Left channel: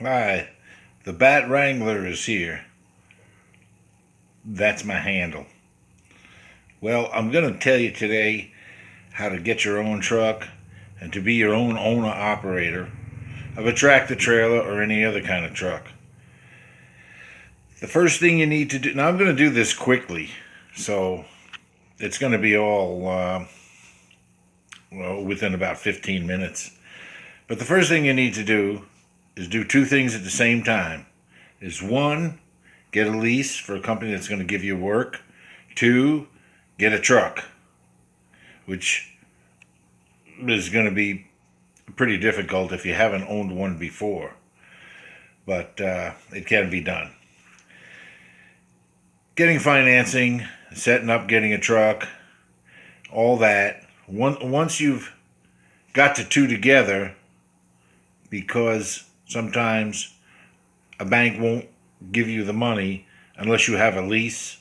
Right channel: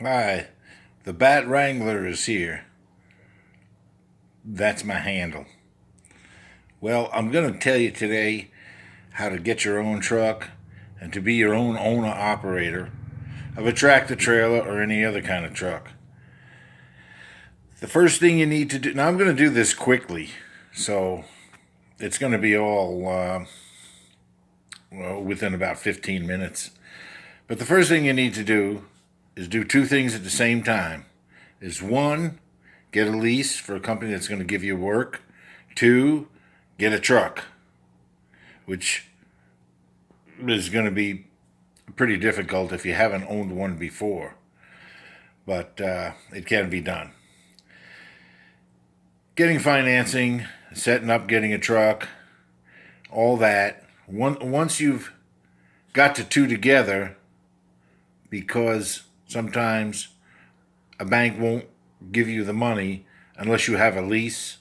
Hi, the Bat Wrangler is here. That's my handle. Well, I'm going to tell you today how to get your own truck and to be your own owner operator of a tractor trailer or any other kind of truck. The first thing you need to do, now I'm going to do this quickly, so it's going to be all within about 15 minutes. But the first thing you need to do is do two things at the same time. Is one, get a lease for a company that's going to give you work. Two, get a truck, which is going to be pretty difficult if you haven't owned one before, but it can be done. Getting financing, setting up, getting a truck, all that. Once you've got the two together, because sometimes a bank won't give you the money unless you have a lease.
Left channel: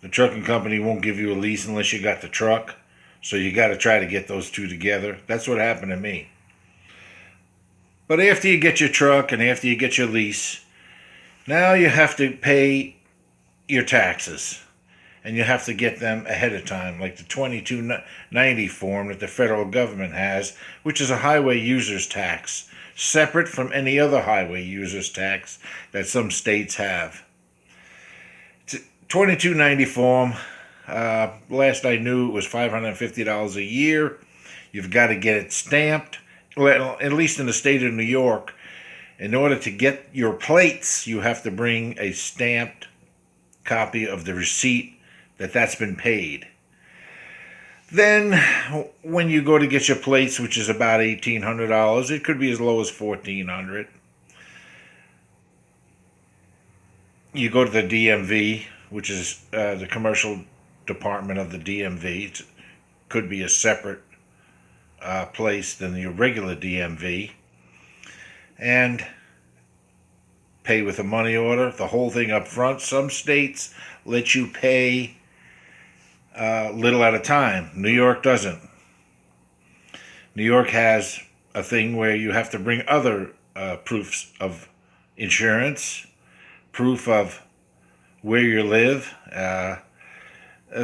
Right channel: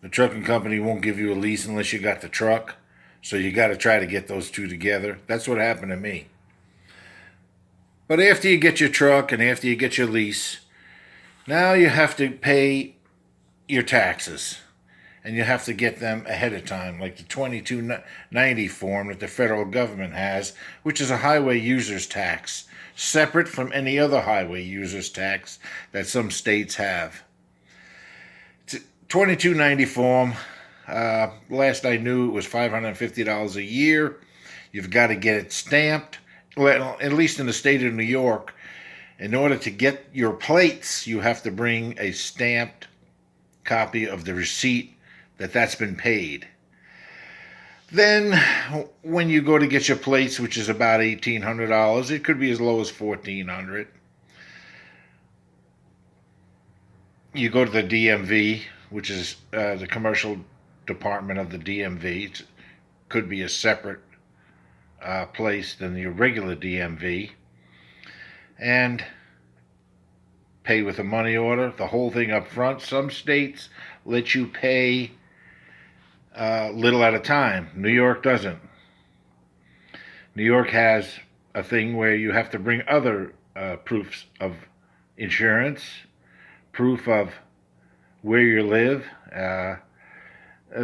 The trucking company won't give you a lease unless you got the truck. So you got to try to get those two together. That's what happened to me. But after you get your truck and after you get your lease, now you have to pay your taxes. And you have to get them ahead of time, like the 2290 form that the federal government has, which is a highway user's tax, separate from any other highway user's tax that some states have. 2290 form, last I knew it was $550 a year. You've got to get it stamped, well, at least in the state of New York. In order to get your plates, you have to bring a stamped copy of the receipt that's been paid. Then, when you go to get your plates, which is about $1,800, it could be as low as $1,400. You go to the DMV, which is the commercial department of the DMV. It could be a separate place than the regular DMV, and pay with a money order, the whole thing up front. Some states let you pay little at a time. New York doesn't. New York has a thing where you have to bring other proofs of insurance, proof of where you live.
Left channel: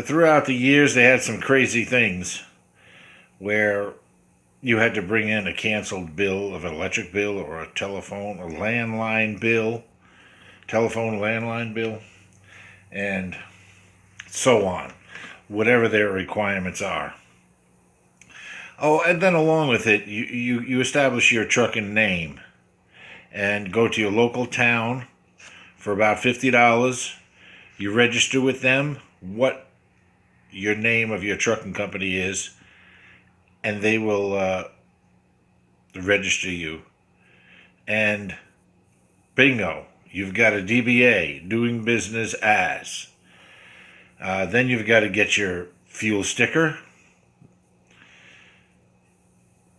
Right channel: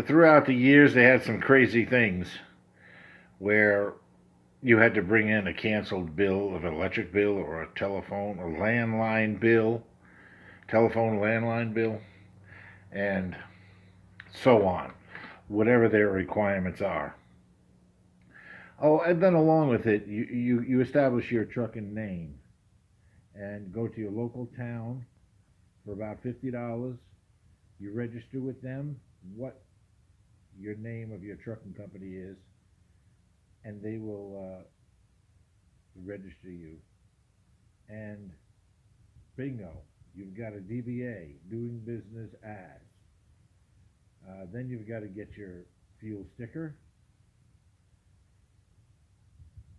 Throughout the years, they had some crazy things where you had to bring in a canceled bill of an electric bill or a telephone or landline bill, telephone landline bill, and so on, whatever their requirements are. Oh, and then along with it, you establish your trucking name and go to your local town for about $50. You register with them what your name of your trucking company is, and they will register you. And bingo, you've got a DBA, doing business as. Then you've got to get your fuel sticker.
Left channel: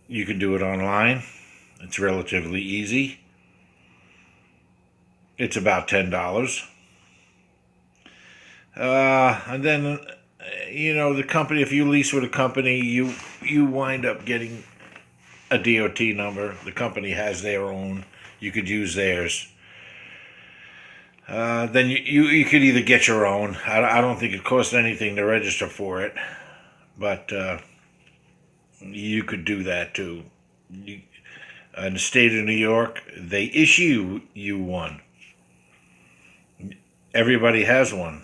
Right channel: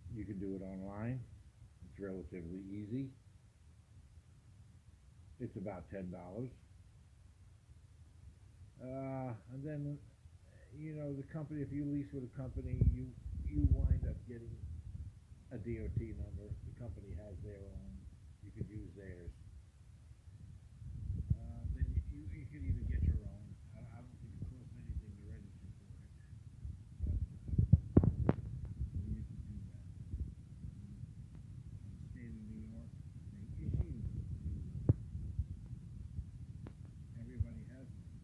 You can do it online. It's relatively easy. It's about $10. And then, the company, if you lease with a company, you wind up getting a DOT number. The company has their own. You could use theirs. Then you could either get your own. I don't think it costs anything to register for it, but you could do that too. In the state of New York, they issue you one. Everybody has one.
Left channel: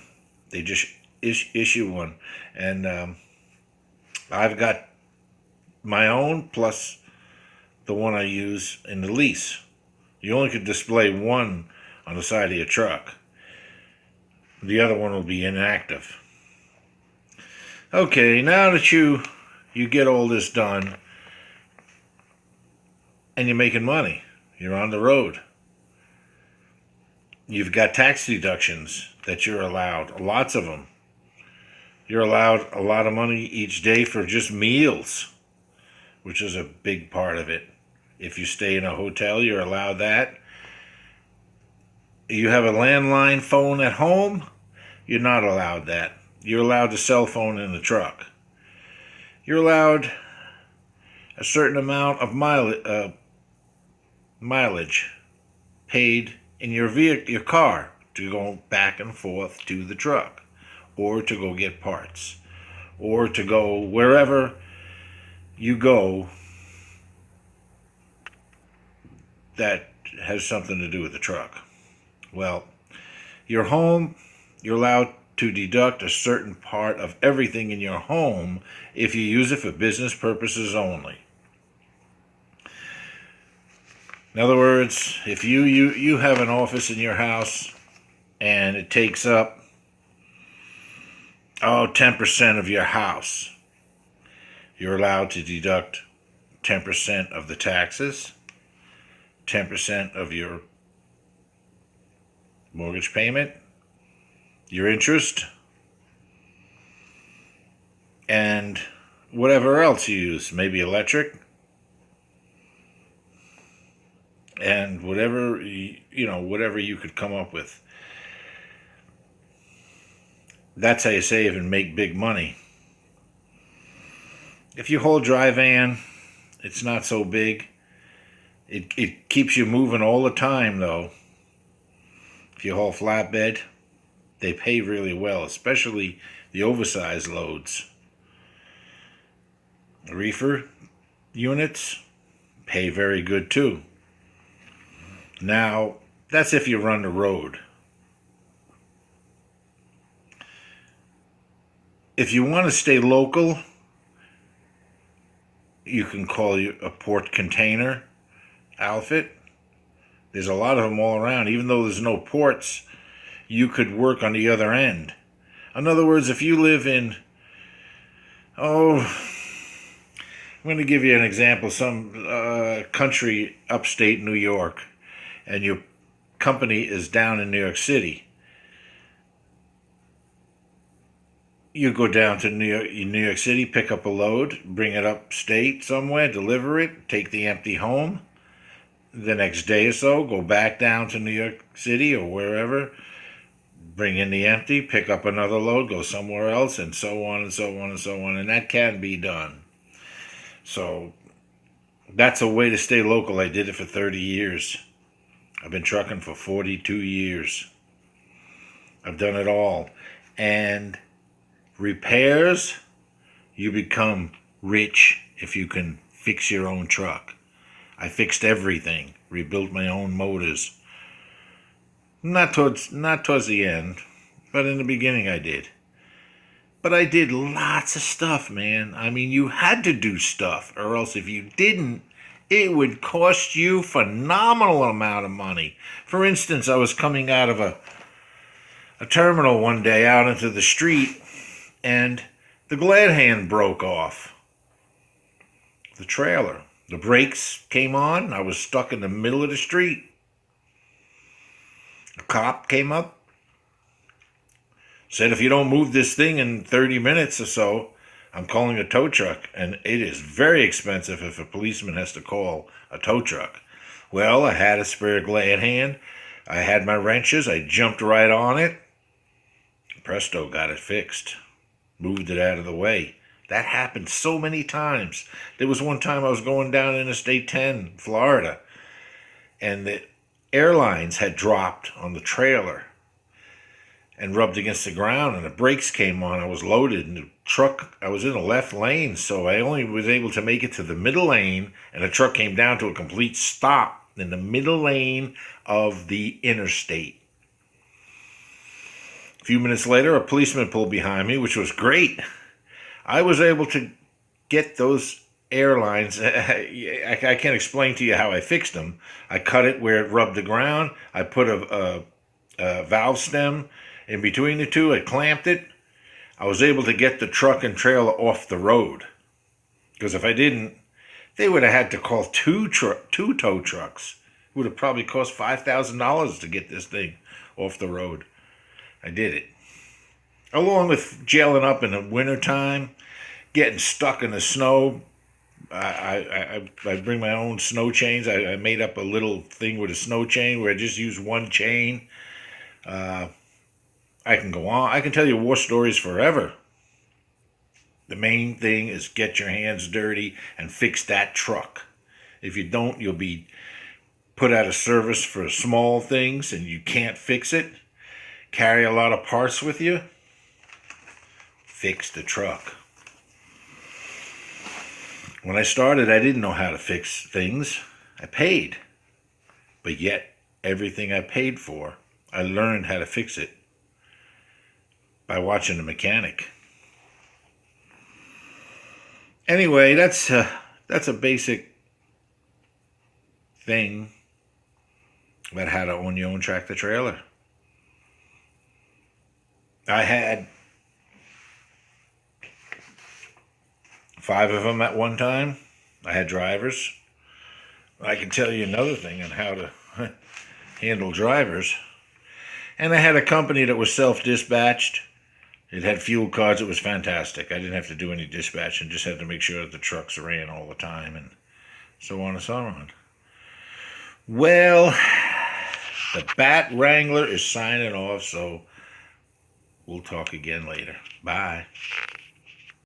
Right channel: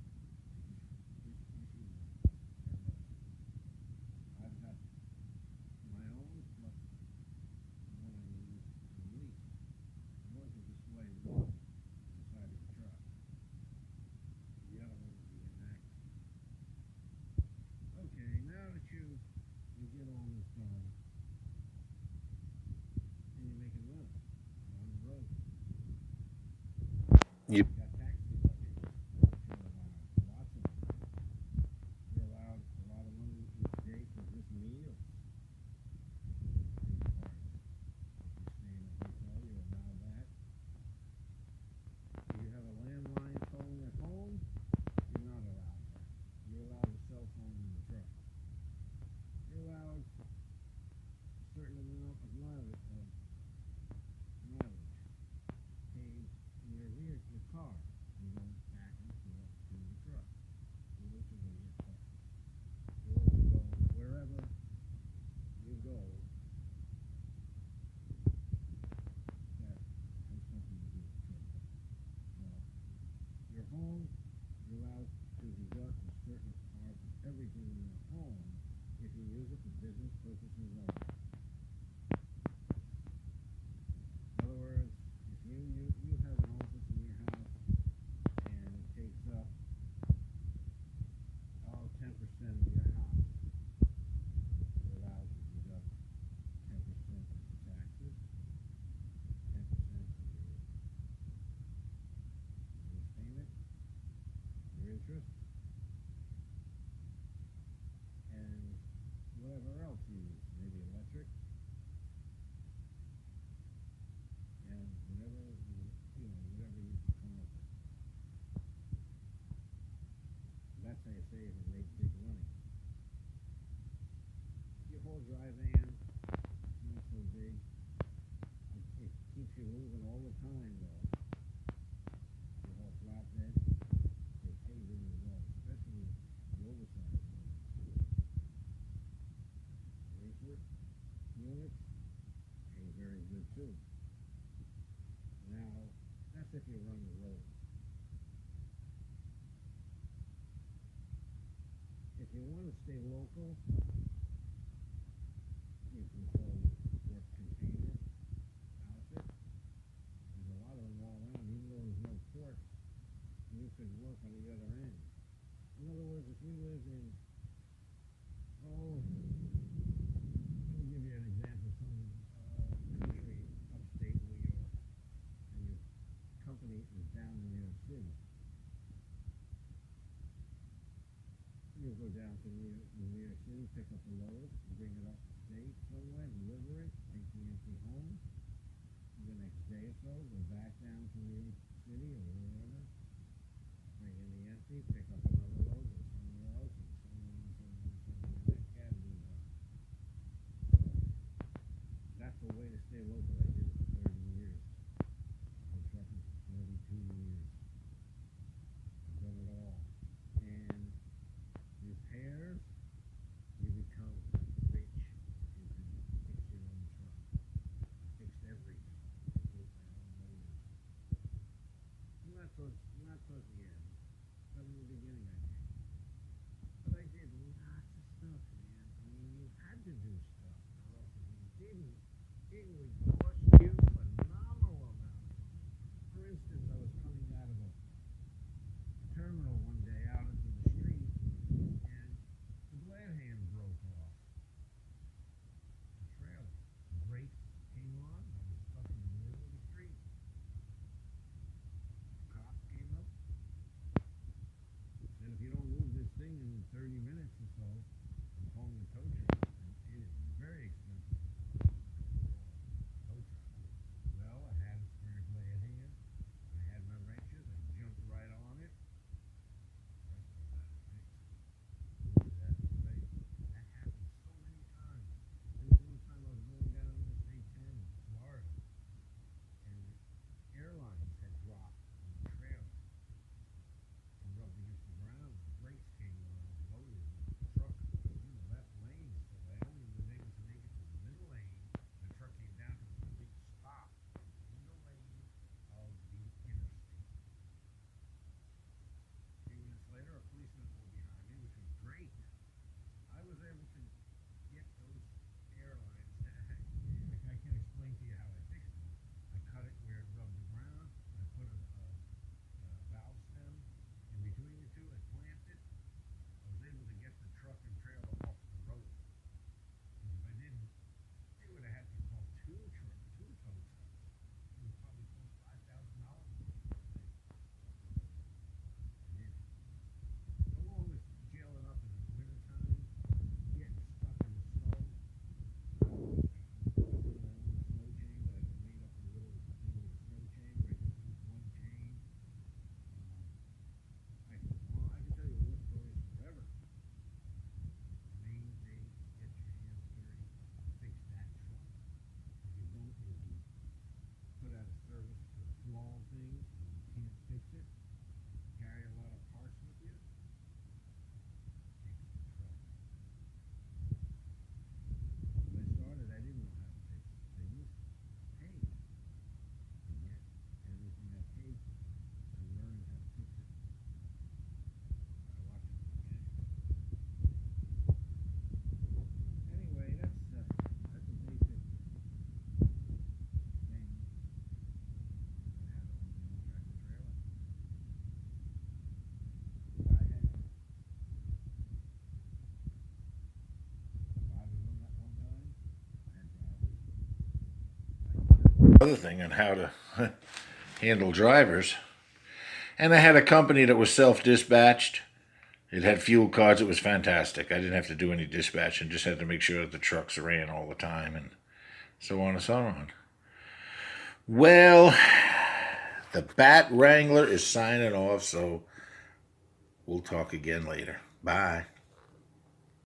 They just issue one, and I've got my own plus the one I use in the lease. You only could display one on the side of your truck. The other one will be inactive. Okay, now that you get all this done and you're making money, you're on the road. You've got tax deductions that you're allowed, lots of them. You're allowed a lot of money each day for just meals, which is a big part of it. If you stay in a hotel, you're allowed that. You have a landline phone at home, you're not allowed that. You're allowed the cell phone in the truck. You're allowed a certain amount of mileage paid in your vehicle, your car, to go back and forth to the truck, or to go get parts, or to go wherever you go that has something to do with the truck. Well, your home, you're allowed to deduct a certain part of everything in your home if you use it for business purposes only. In other words, if you have an office in your house and it takes up 10% of your house, you're allowed to deduct 10% of the taxes, 10% of your mortgage payment, your interest, and whatever else you use, maybe electric, and whatever whatever you could come up with. That's how you save and make big money. If you hold dry van, it's not so big. It keeps you moving all the time, though. If you haul flatbed, they pay really well, especially the oversized loads. Reefer units pay very good too. Now, that's if you run the road. If you want to stay local, you can call you a port container outfit. There's a lot of them all around. Even though there's no ports, you could work on the other end. In other words, if you live in, I'm going to give you an example, some country upstate New York, and your company is down in New York City. You go down to New York City, pick up a load, bring it upstate somewhere, deliver it, take the empty home. The next day or so, go back down to New York City or wherever, bring in the empty, pick up another load, go somewhere else, and so on and so on and so on. And that can be done. So that's a way to stay local. I did it for 30 years. I've been trucking for 42 years. I've done it all. And repairs, you become rich if you can fix your own truck. I fixed everything, rebuilt my own motors. Not towards the end, but in the beginning I did. But I did lots of stuff, man. I mean, you had to do stuff, or else if you didn't, it would cost you phenomenal amount of money. For instance, I was coming out of a terminal one day out into the street, and the glad hand broke off the trailer. The brakes came on. I was stuck in the middle of the street. A cop came up, said, if you don't move this thing in 30 minutes or so, I'm calling a tow truck. And it is very expensive if a policeman has to call a tow truck. Well, I had a spare glad hand. I had my wrenches. I jumped right on it. Presto, got it fixed. Moved it out of the way. That happened so many times. There was one time I was going down Interstate 10, Florida, and the airlines had dropped on the trailer and rubbed against the ground, and the brakes came on. I was loaded, and the truck, I was in the left lane, so I only was able to make it to the middle lane, and the truck came down to a complete stop in the middle lane of the interstate. A few minutes later, a policeman pulled behind me, which was great. I was able to get those airlines. I can't explain to you how I fixed them. I cut it where it rubbed the ground. I put a valve stem in between the two. I clamped it. I was able to get the truck and trailer off the road. Because if I didn't, they would have had to call two tow trucks. It would have probably cost $5,000 to get this thing off the road. I did it. Along with jailing up in the wintertime, getting stuck in the snow. I bring my own snow chains. I made up a little thing with a snow chain where I just use one chain. I can go on. I can tell you war stories forever. The main thing is get your hands dirty and fix that truck. If you don't, you'll be put out a service for small things and you can't fix it, carry a lot of parts with you, fix the truck. When I started, I didn't know how to fix things. I paid. But yet, everything I paid for, I learned how to fix it by watching a mechanic. Anyway, that's a basic thing about how to own your own tractor trailer. I had 5 of them at one time. I had drivers. I can tell you another thing on how to handle drivers. And I had a company that was self-dispatched. It had fuel cards. It was fantastic. I didn't have to do any dispatching. Just had to make sure that the trucks ran all the time and so on and so on. Well, the Bat Wrangler is signing off, so we'll talk again later. Bye.